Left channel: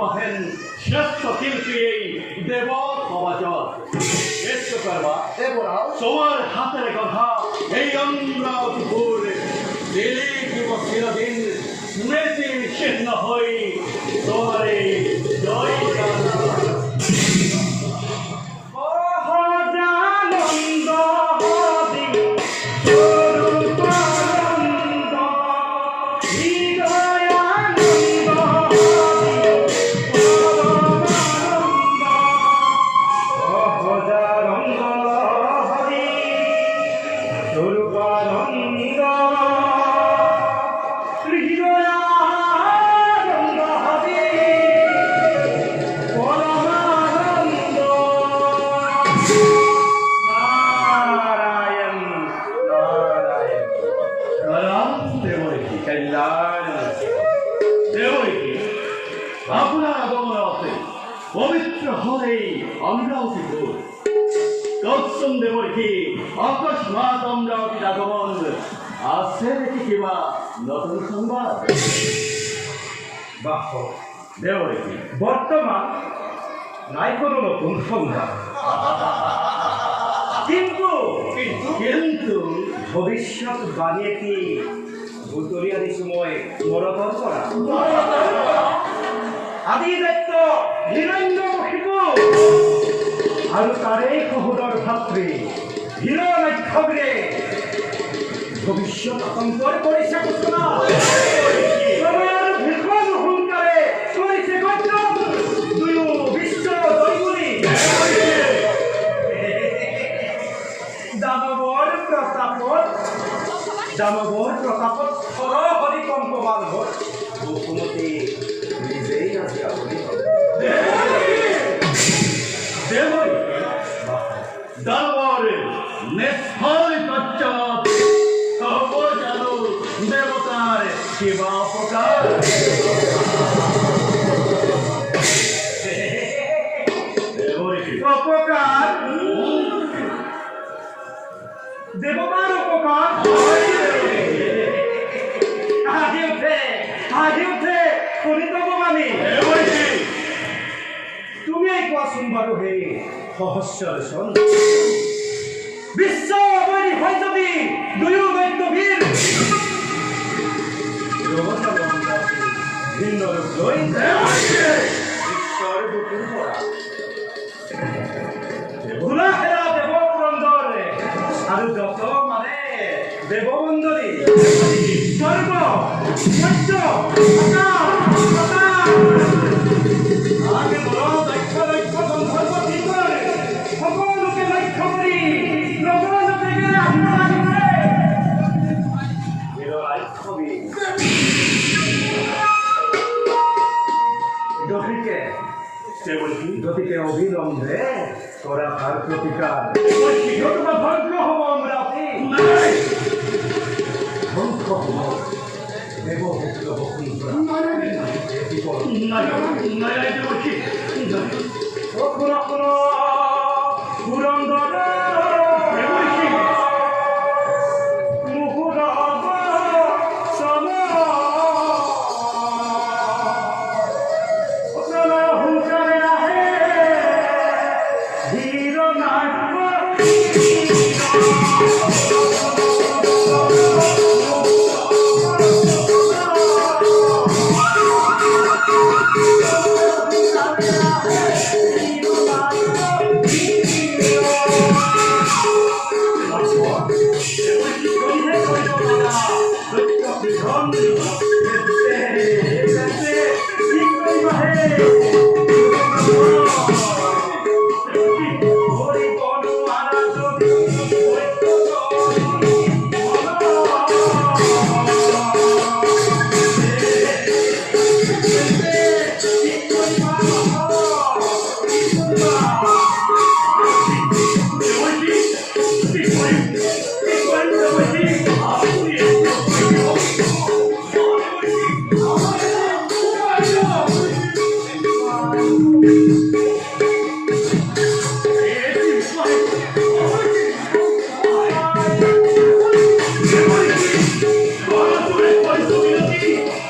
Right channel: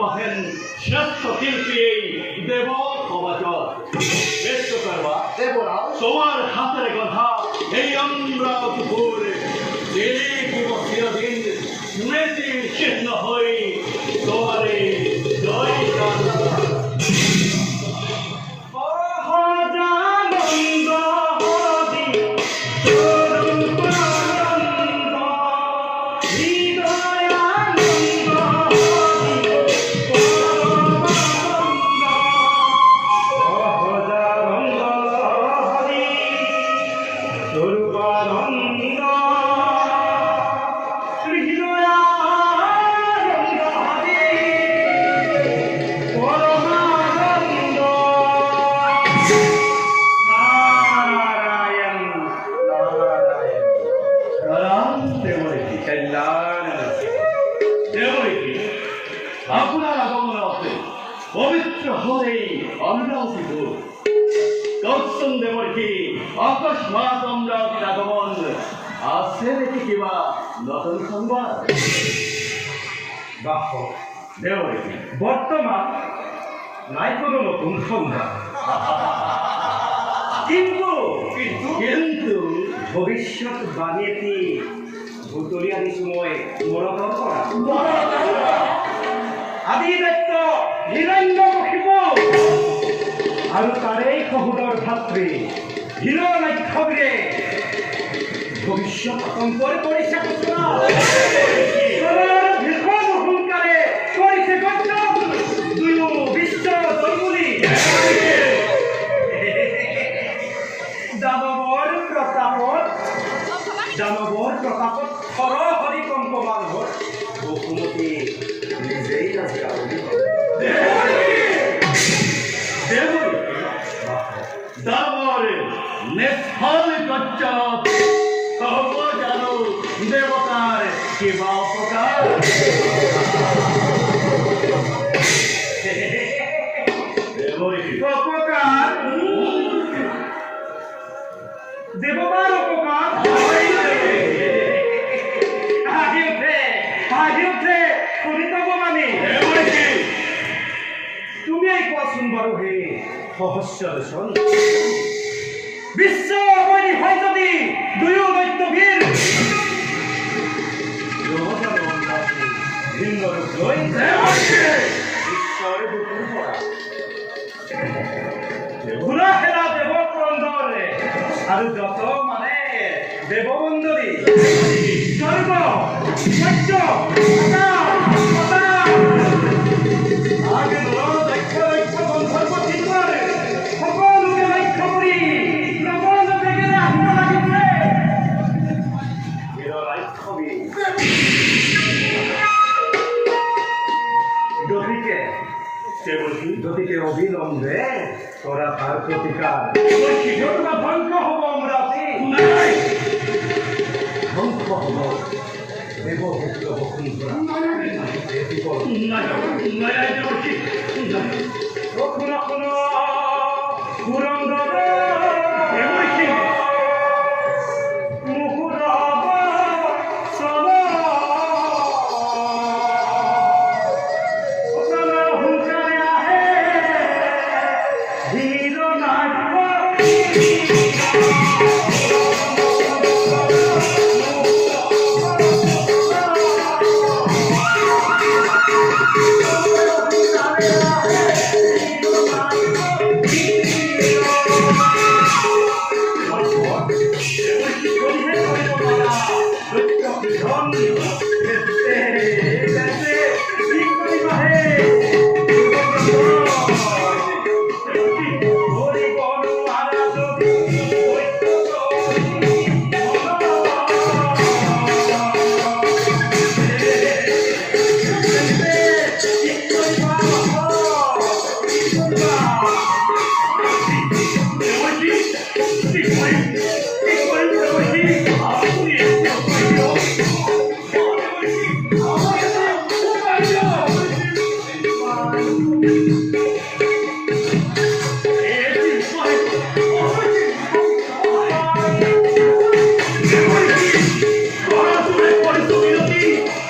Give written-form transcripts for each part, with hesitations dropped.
মহেন শ্রেষ্ঠ শিল্পী দেব কবচর শ্রেষ্ঠ করবা দেবরাও তোমার হাতের কথা এই অমরাবতীপুর দিলীপ চিরদিন স্মৃতি চিহ্ন হই তোমারে জয় আপনার আগমনে পবিত্র হয়ে অমরাবতীপুর দর্শন দেবর কি অকস্মাৎ অমরাবতীর আগমন আছে দেখি কিবা নতুন সংবাদ বাহ দেবর কি বর্তমান নাই কোনো নতুন সংবাদ কিন্তু কিন্তু ভবিষ্যৎ বাণীটি ভুতরিয়ানি সময় মরতর করা আদি দায়িত্ব হিরণ্যমুখিব আৰু তাৰেই সহোদৰ ভাতৃ হিৰণ্যক্ষীৰে ভৱিষ্যত আতংকৰ কৰিছে ঘোষণা ভীষণ সোনকালে কৰিছে গণ্য দুয়ো বিশ্ব জয় বুলি দানৱৰ প্ৰতাপত সৰহৰি কম্পমান হ'ল বসুমতী নিজেই আজি আপুনি দেবর দানবর নেফল কচ্চত সব জানো দেবতার কিবা উপকার দেবর অপকার দেবতার অপকার হাজি উঠে করিত মানে তুমি এই কোৱাচোন বাৰু হে সহস্ৰ বিশ্ব অবনী হয় যদি দুয়ো দৈত্যবীৰ ভিন্ন ৰূপ লৈ ঈশ্বৰ বুকুৰ পৰা গুণাহেৰা দেৱক্ৰন্দৰে আৰু যত মানে দেৱবন্দৰী স্বৰ্গ সত্য সকলোকে লক্ষ্য কৰি গতিকে অবিলম্বে কৰা তাৰ প্ৰতিকাৰ ধ্বংস হ'ব অমৰাৱতী ধ্বংস হ'ব দেৱভক্ত বসুন্ধৰা Purandar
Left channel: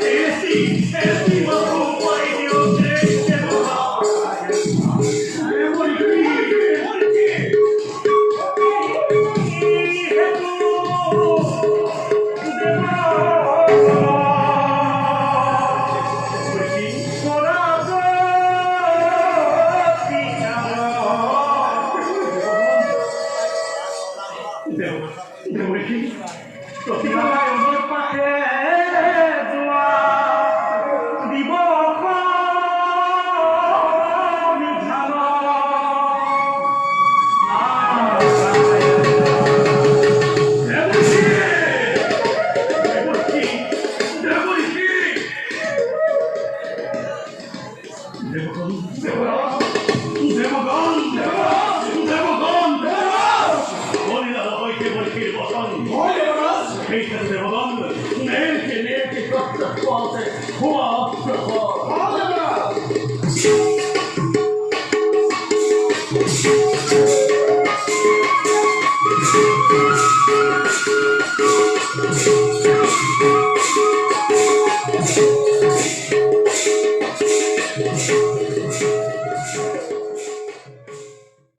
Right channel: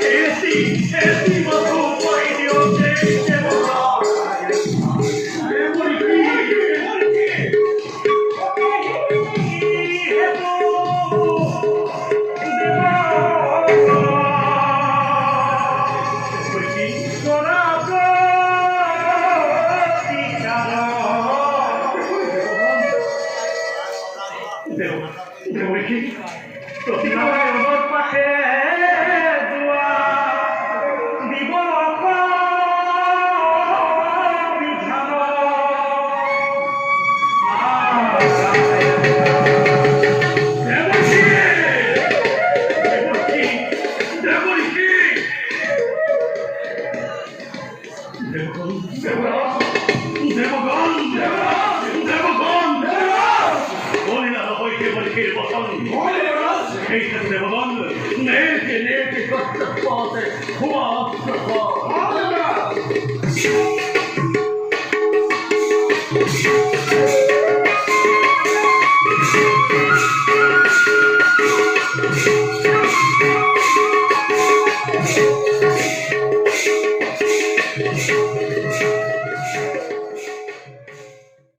Esse, esse, vamos, pai, Deus, পথে ক্ষমাপ্র কর। আচ্ছা